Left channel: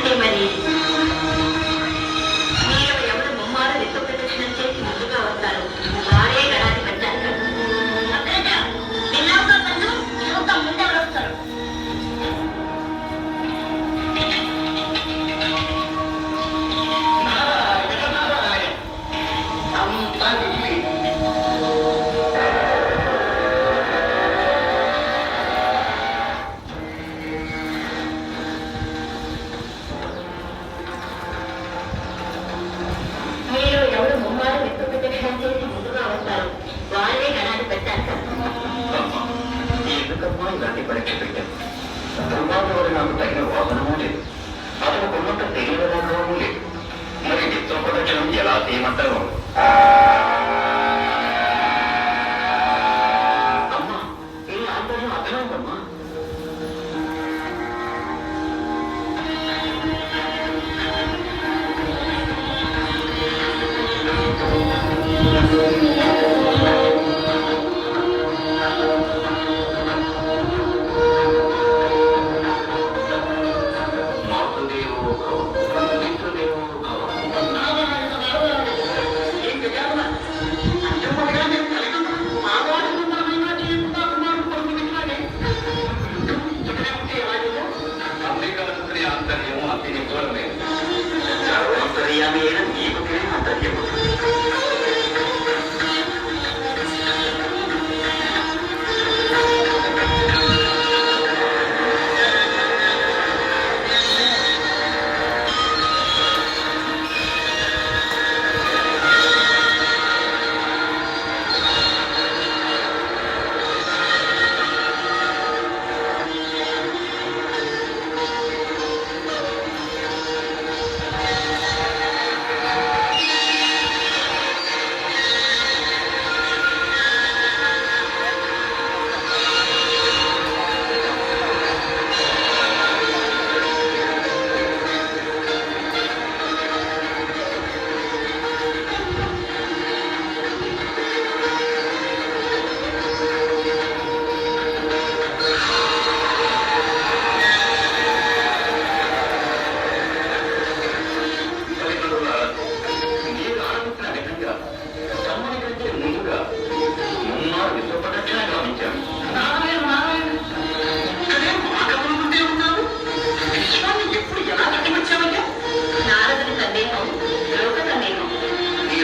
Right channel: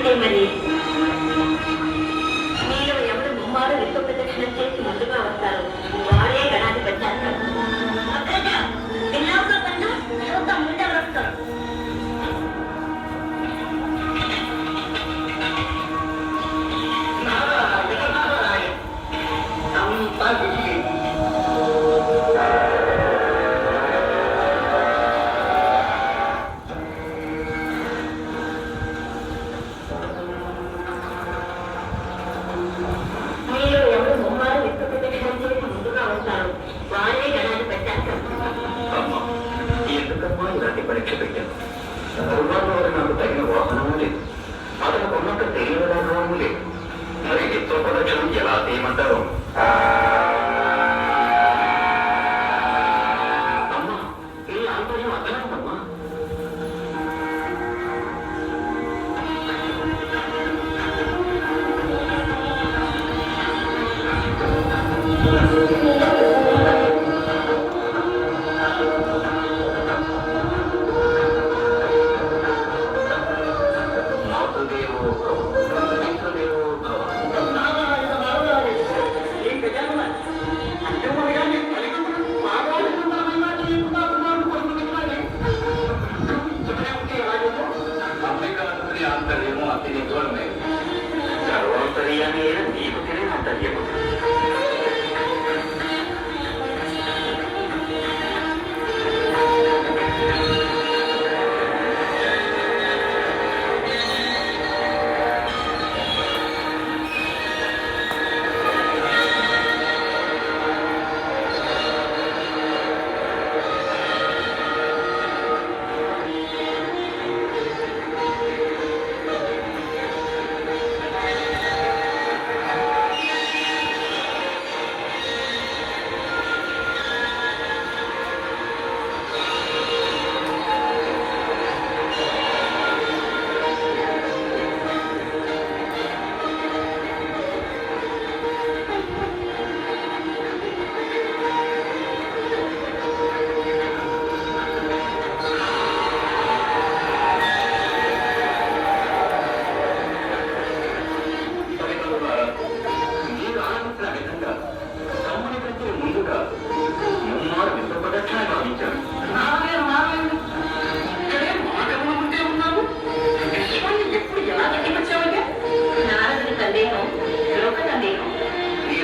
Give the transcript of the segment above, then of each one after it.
అంటే మరి మీరు ఎవరు ముమ్మారు నిత్య ప్రదక్షిణ చేసి ముందుగా వస్తారు వారే గణాన్ని పెట్టారు. విన్నావుగా కన్నా ఒక ముందు ఎవరు వస్తారు? పరీక్ష పెట్టాను. దుర్మార్గంలో నాకు తగిన వాహనమూ లేదు, అతను కొన్నంత తెలియదానమూ లేదు. మరి చిత్ర ప్రదక్షిణం ఎలా చేయమంటారు? అమ్మా, ఈ ఆంతర్యం అర్థమవుతమ్మా. ఆంతర్యము అతి నిజమే. సర్వాంతర్యామి అయిన నీకు తెలియని ఆంతర్యము.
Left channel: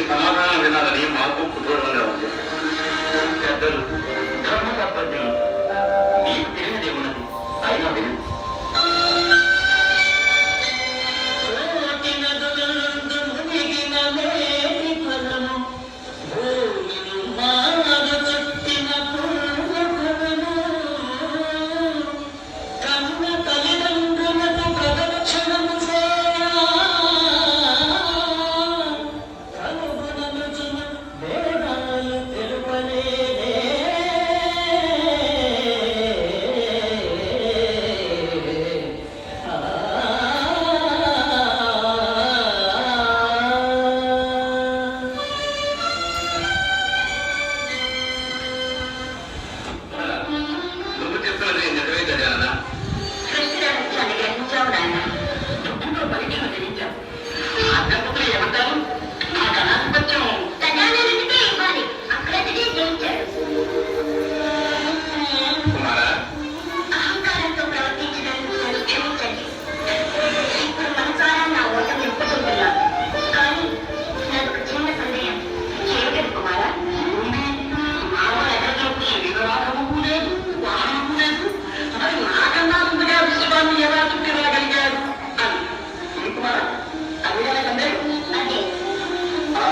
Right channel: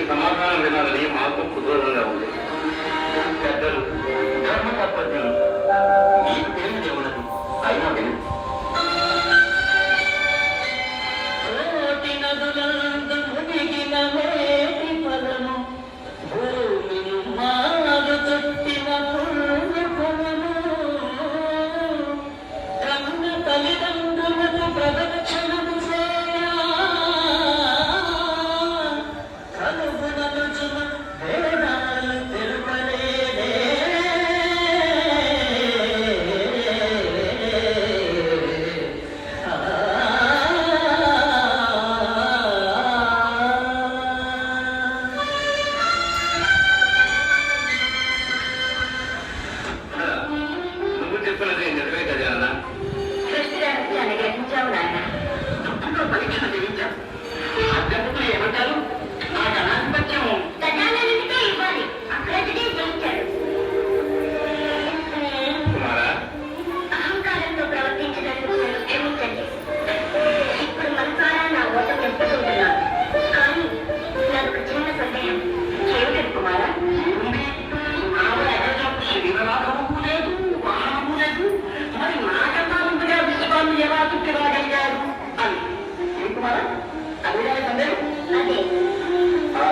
సమాధానం వినాలని మాకు కుతూహలంగా ఉంది. పెద్దలు ధర్మ తప్పది నీకు తెలియని ఉన్నది అయినా విను.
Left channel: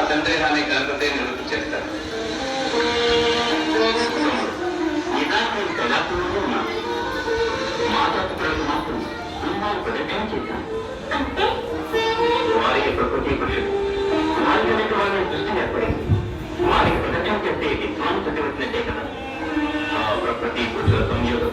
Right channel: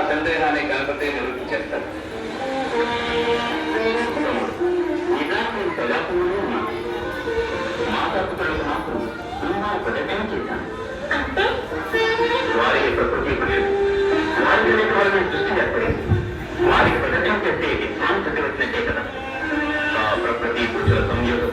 సందేహాన్ని గణపతి నివృత్తి చేస్తాడు. మాతాపితలకు మాకు ప్రదర్శన చేశాను. వారికి ప్రకృతి వారి దృష్టి ఏర్పడింది. వారికి ప్రదర్శన చేస్తే విజ్ఞానం చదివినట్టే కదా. ఆ ప్రకృతి పురుషుల సంయోగ